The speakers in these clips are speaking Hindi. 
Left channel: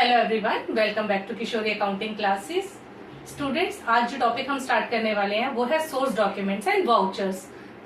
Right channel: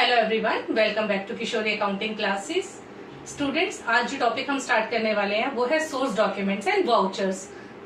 Hello everyone, welcome back to Kishori accounting classes. Students, आज जो टॉपिक हम स्टार्ट करने वाले हैं वो है source documents and vouchers.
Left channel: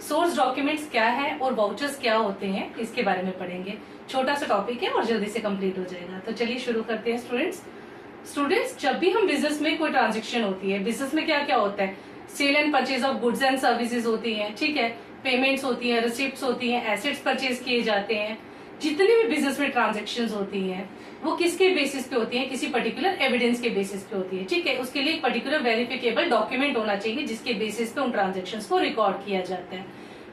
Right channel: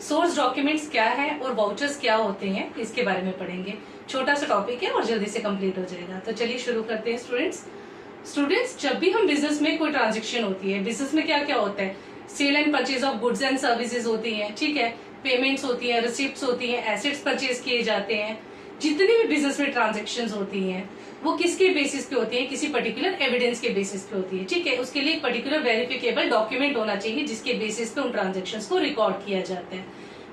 Source documents क्या है और वाउचर्स क्या होते हैं, इसके बारे में पढ़ेंगे। छोटा सा टॉपिक है और जल्दी से कंप्लीट हो जाएगा। तो चलिए शुरू करते हैं स्टूडेंट्स, जब भी हम बिजनेस में कोई ट्रांजेक्शन होती है, बिजनेस में क्या क्या होता है, sale and purchase of goods and services होती है, ठीक है, पेमेंट्स होती है, रिसिप्ट्स होती है, एसेट्स परचेज किए जाते हैं। जितनी भी बिजनेस में ट्रांजेक्शन्स होती हैं वो किसके बेसिस पे होती है, किसी पर्टिकुलर एविडेंस के बेसिस पे होती है, ठीक है। उसके लिए एक पर्टिकुलर वेरिफिकेबल डॉक्यूमेंट होना चाहिए जिसके बेसिस पे उन ट्रांजेक्शन्स को रिकॉर्ड किया जाता है।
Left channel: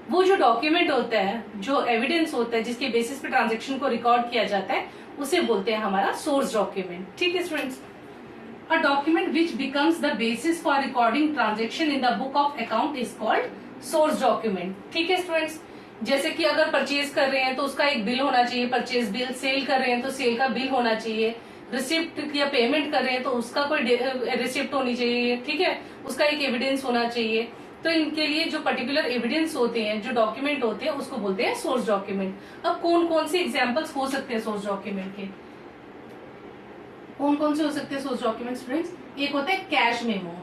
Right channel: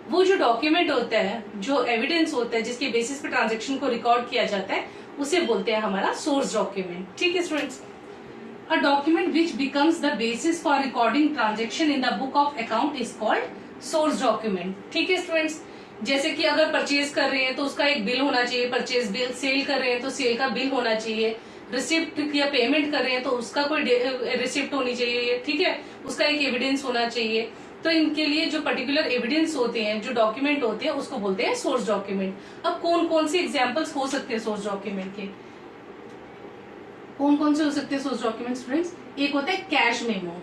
वो जो डॉक्यूमेंट होता है, जो एविडेंस होता है, जिसके बेसिस पे ट्रांजेक्शन को रिकॉर्ड किया जाता है, उसे बोलते हैं हमारा सोर्स डॉक्यूमेंट, ठीक है students. A document which becomes the basis for recording transaction in the book of account is called source document, ठीक है स्टूडेंट्स। जैसे कि अगर परचेज कर रहे हैं तो उसका एक बिल होना चाहिए, परचेज बिल, सेल कर रहे हैं तो सेल का बिल होना चाहिए, रिसिप्ट या पेमेंट कर रहे हैं तो उसका कोई रिसिप्ट होनी चाहिए, ठीक है, उसका एक एविडेंस होना चाहिए। तो इनके लिए जो पर्टिकुलर एविडेंस होते हैं, जो डॉक्यूमेंट होते हैं, उसको बोलते हैं सोर्स डॉक्यूमेंट। अब कौन कौन से एग्जाम्पल्स हो सकते हैं सोर्स डॉक्यूमेंट के, कौन कौन से हो सकते हैं सोर्स डॉक्यूमेंट स्टूडेंट्स? एक होता है कैश मेमो।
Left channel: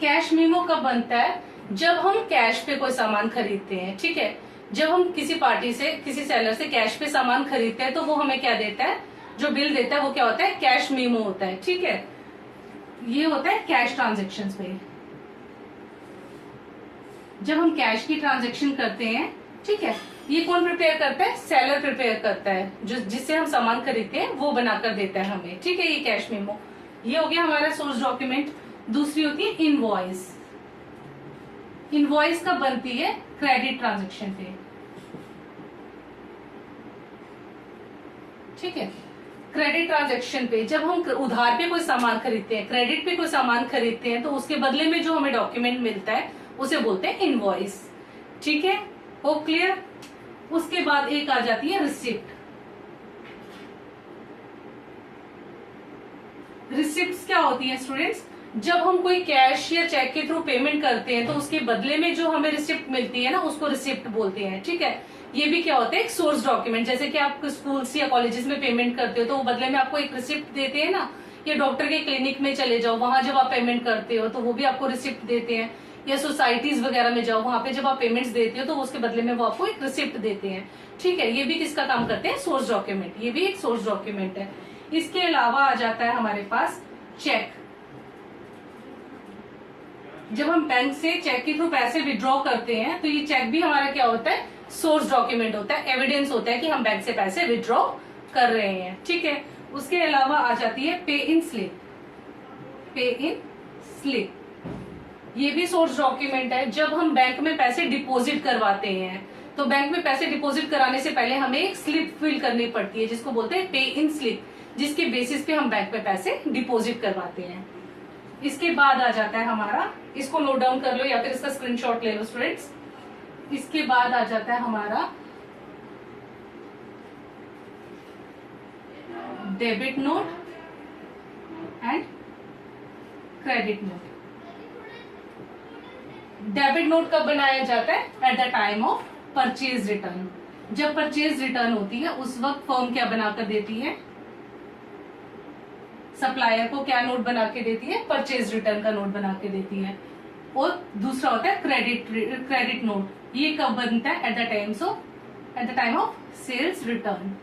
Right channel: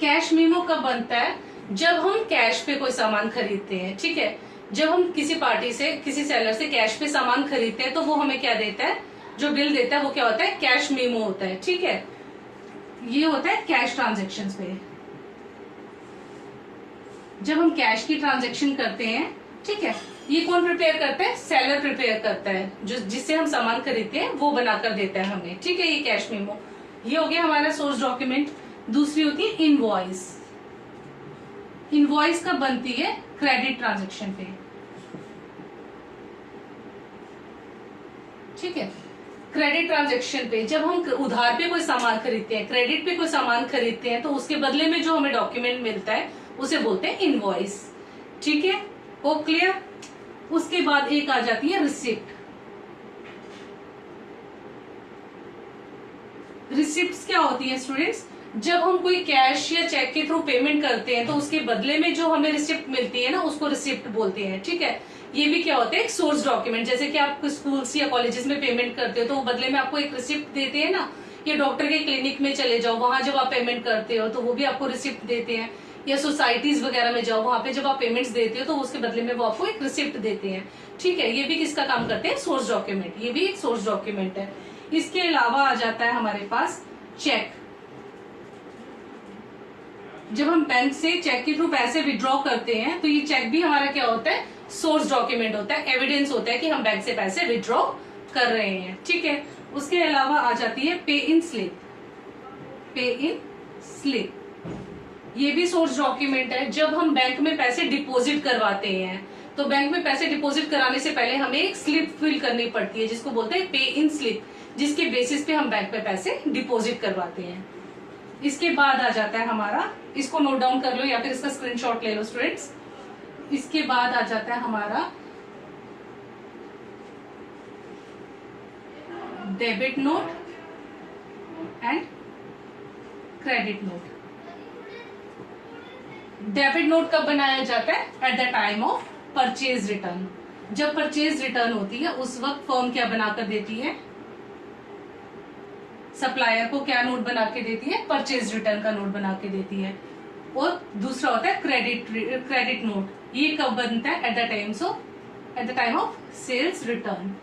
कैश मेमो कब बनता है? जब हम कैश पे कोई सामान खरीदते हैं, ठीक है। जब हम किसी पार्टी से, किसी सेलर से कैश पे सामान खरीदते हैं तो वो हमें क्या देता है, जो बिल देता है वो क्या होता है, कैश मेमो होता है, ठीक है। ये होता है कैश ट्रांजेक्शन पे। जब हम कैश की ट्रांजेक्शन करते हैं, ठीक है, ये कौन प्रिपेयर करता है? सेलर प्रिपेयर करता है, जो जिससे हम सामान खरीदते हैं वो बनाकर देता है हमें, ठीक है। ये कैश मेमो, ये हो गया हमारा सोर्स डॉक्यूमेंट। दूसरी होती है इनवॉइस। इनवॉइस कब बनती है? क्रेडिट ट्रांजैक्शन पे, ठीक है। क्रेडिट ट्रांजैक्शन पे जब हम उधार पे कोई सामान खरीदते हैं, क्रेडिट पे कोई सामान खरीदते हैं, तो उसके बदले में जो हमें डॉक्यूमेंट मिलता है उसे बोलते हैं इनवॉइस, ठीक है। हो क्लियर? उसके बाद एक आ जाती है रिसिप्ट। रिसिप्ट्स क्या होती है स्टूडेंट्स? जब हम कोई कैश या चेक के थ्रू पेमेंट करते हैं तो उसके बदले में जो हमें रिसिप्ट मिलती है ना, उसको रिसिप्ट बोलते हैं, ठीक है। ये भी क्या होता है? एक सोर्स डॉक्यूमेंट। जैसे कि आप स्कूल्स या कॉलेजेस में पेमेंट करते हो तो वो बदले में आपको एक रिसिप्ट देते हैं ना, या डॉक्टर के क्लिनिक में चले जाओ, वहां जब आप पेमेंट करते हो तो वो भी आपको रिसिप्ट देते हैं, या सोसाइटीज वगैरह में जाओ, वहां पे जब आप पेमेंट्स देते हो तो उसके बदले में वो आपको एक रिसिप्ट देते हैं, ठीक है। ये भी किसका काम करते हैं? Source document. ये भी एक सोर्स डॉक्यूमेंट है। इसके अलावा आ जाता है हमारे पास चेक। जब हम बैंक से चेक के थ्रू पैसे विड्रॉ करते हैं तो ये चेक भी हमारा क्या होता है? सोर्स डॉक्यूमेंट होता है, एविडेंस होता है कि हम बैंक से पैसे विड्रॉ कर रहे हैं, ठीक है। उसके अलावा आ जाती है पे इन स्लिप। पे इन स्लिप ये भी सोर्स डॉक्यूमेंट है। जब हम बैंक में पैसे डिपॉजिट करवाते हैं तो बैंक में पैसे डिपॉजिट कराने से पहले हमें एक स्लिप फिल करनी पड़ती है जिसको बोलते हैं पे इन स्लिप, जिसके बेसिस पे हम बैंक में पैसे डिपॉजिट करवाते हैं। इसके बाद आ जाता है हमारा, इसको नोट डाउन कर लो या फिर इसका स्क्रीनशॉट ले लो स्टूडेंट्स। इसके बाद आ जाता है हमारा debit note and credit note. Debit note कब बनाया जाता है? At the time of purchase return. जब परचेज रिटर्न होती है उस वक्त फर्म क्या बनाकर देती है? सप्लायर को क्या नोट बना के देती है? परचेज रिटर्न का नोट बना के देती है। और दूसरा होता है क्रेडिट नोट। ये कब बनता है? At the time of sales return.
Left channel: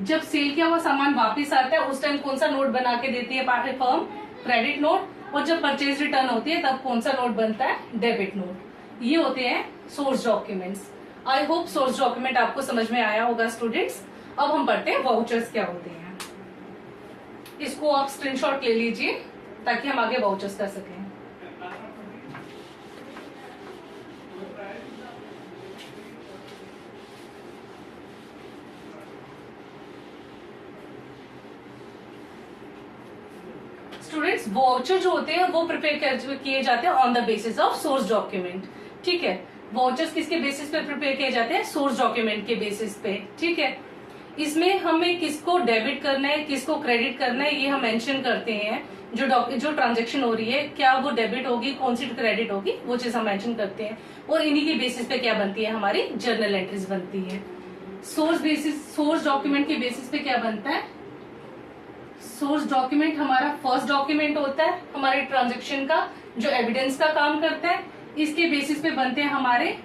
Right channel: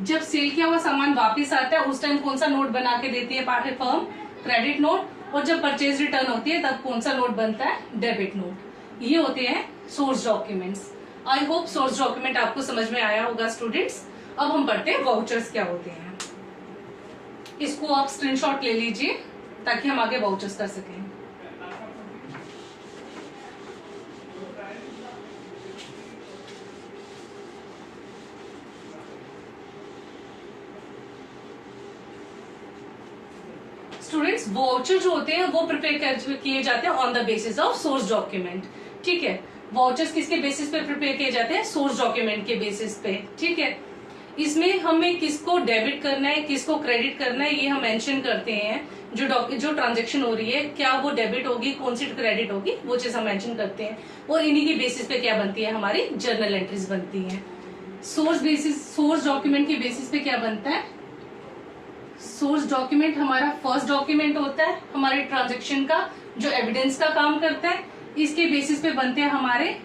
जब सेल किया हुआ सामान वापस आता है उस टाइम कौन सा नोट बना के देती है फर्म? Credit note. और जब परचेज रिटर्न होती है तब कौन सा नोट बनता है? Debit note. ये होते हैं source documents. I hope source document आपको समझ में आया होगा स्टूडेंट्स। अब हम पढ़ते हैं वाउचर्स क्या होते हैं। इसको आप स्क्रीनशॉट ले लीजिए ताकि हम आगे वाउचर्स कर सकें। स्टूडेंट्स, वाउचर जो होते हैं वो प्रिपेयर किए जाते हैं on the basis of source document, ठीक है। वाउचर्स किसके बेसिस पे प्रिपेयर किए जाते हैं? सोर्स डॉक्यूमेंट के बेसिस पे, ठीक है। इसमें हमें किसको डेबिट करना है, किसको क्रेडिट करना है, ये हम मेंशन करते हैं। जो ट्रांजैक्शन हो रही है, क्या वो डेबिट होगी, कौन सी क्रेडिट होगी, वो चीज हम मेंशन करते हैं। और इन्हीं के बेसिस पे क्या बनती है? हमारी जर्नल एंट्रीज बनती है। सोर्स डॉक्यूमेंट के बेसिस पे क्या बनता है? सोर्स डॉक्यूमेंट हमारा फर्स्ट डॉक्यूमेंट होता है हमारे ट्रांजेक्शन का, जो एविडेंस का काम करता है। इसके बेसिस पे बनते हैं हमारे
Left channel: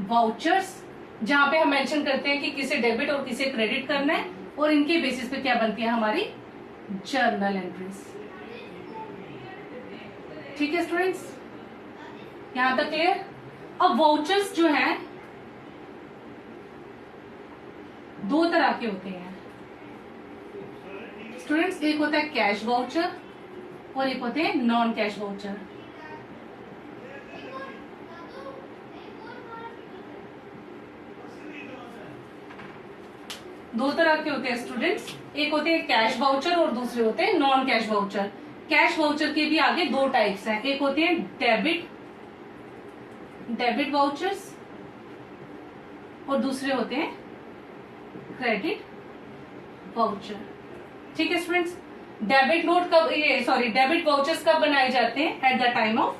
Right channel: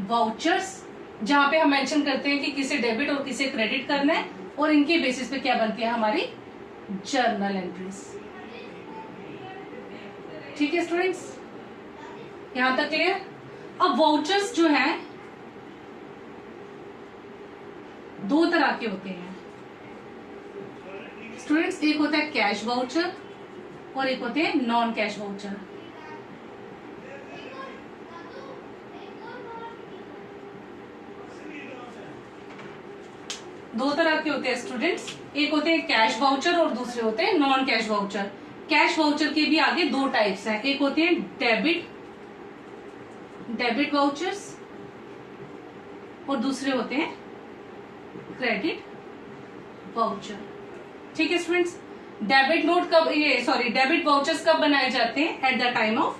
वाउचर्स, जहां पे हम मेंशन करते हैं कि किसे डेबिट और किसे क्रेडिट करना है, और इनके बेसिस पे क्या बनती है हमारी जर्नल एंट्रीज। ठीक है स्टूडेंट्स, यहां तक क्लियर? अब वाउचर्स जो हैं दो तरह के होते हैं स्टूडेंट्स, एक होता है कैश वाउचर और एक होते हैं नॉन कैश वाउचर। दो तरह के होते हैं स्टूडेंट्स, एक होते हैं कैश वाउचर और दूसरे होते हैं non cash voucher. Cash voucher के भी आगे दो टाइप्स हैं, एक होते हैं डेबिट वाउचर्स और दूसरे होते हैं क्रेडिट वाउचर। ठीक है स्टूडेंट्स, डेबिट वाउचर्स कब बनाए जाते हैं? Eight the time of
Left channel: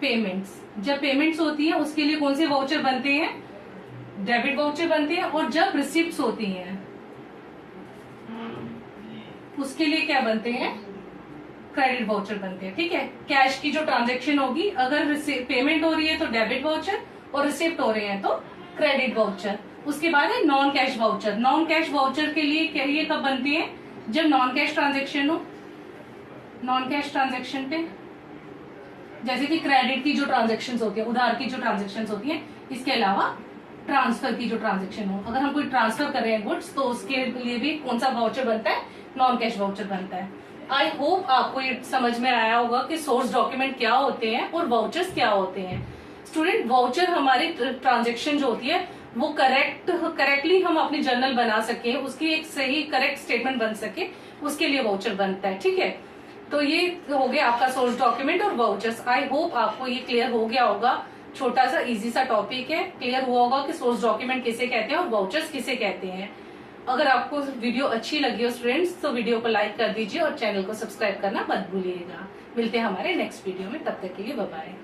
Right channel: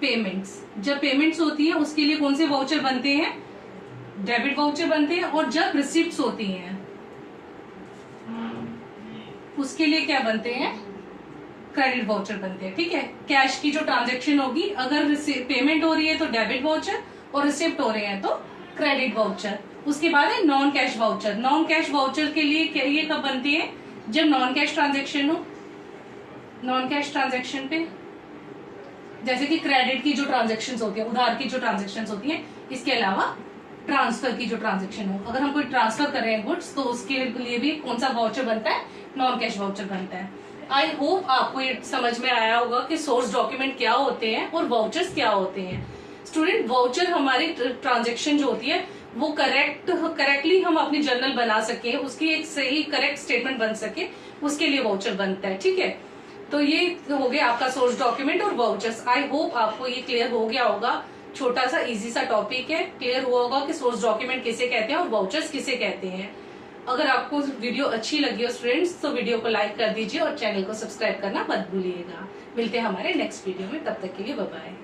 payments. जब पेमेंट्स होती है उसके लिए कौन से वाउचर बनते हैं? डेबिट वाउचर बनते हैं। और जब रिसिप्ट्स होती हैं उसके लिए क्या बनते हैं? क्रेडिट वाउचर बनते हैं। ठीक है, कैश की जो ट्रांजैक्शन होगी, अगर पेमेंट हो रही है तो डेबिट वाउचर और रिसिप्ट हो रहे हैं तो क्रेडिट वाउचर। उसके बाद है non cash voucher. Non cash voucher के लिए ये कब बनती है? जब नॉन कैश ट्रांजैक्शन हो। नॉन कैश ट्रांजैक्शन पे जैसे कि क्रेडिट की जो ट्रांजैक्शंस होती है, उधार की जो ट्रांजैक्शंस होती है, इसके अलावा ट्रांसफर की जो ट्रांजैक्शन हो, अगर हम कोई ट्रांसफर कर रहे हैं गुड्स तो उसके लिए भी कौन सा वाउचर बनता है? नॉन कैश वाउचर बनता है। आई होप आपको ये समझ में आया होगा कि सोर्स डॉक्यूमेंट क्या होते हैं और वाउचर्स क्या होते हैं। स्टूडेंट, वाउचर हमारी ट्रांजैक्शन जो होती है वो करेक्टली हम अपनी जर्नल बना सके, उसकी एक सही करेक्ट स्टेटमेंट बन सके, उसके लिए वाउचर बनता है। ठीक है, तो ये हो गया आपका सोर्स डॉक्यूमेंट और वाउचर्स। आई होप आपको ये क्लियर हो गया होगा। छोटा सा इजी सा टॉपिक है, क्लियर हुआ होगा कि सोर्स डॉक्यूमेंट किसे कहते हैं और वाउचर्स किसे कहते हैं। अगर आपको वीडियो अच्छी लगी हो स्टूडेंट्स तो वीडियो को लाइक कर दीजिए और चैनल को सब्सक्राइब करना मत भूलिएगा। मिलते हैं हमारे नेक्स्ट वीडियो में, तब तक के लिए बाय बाय।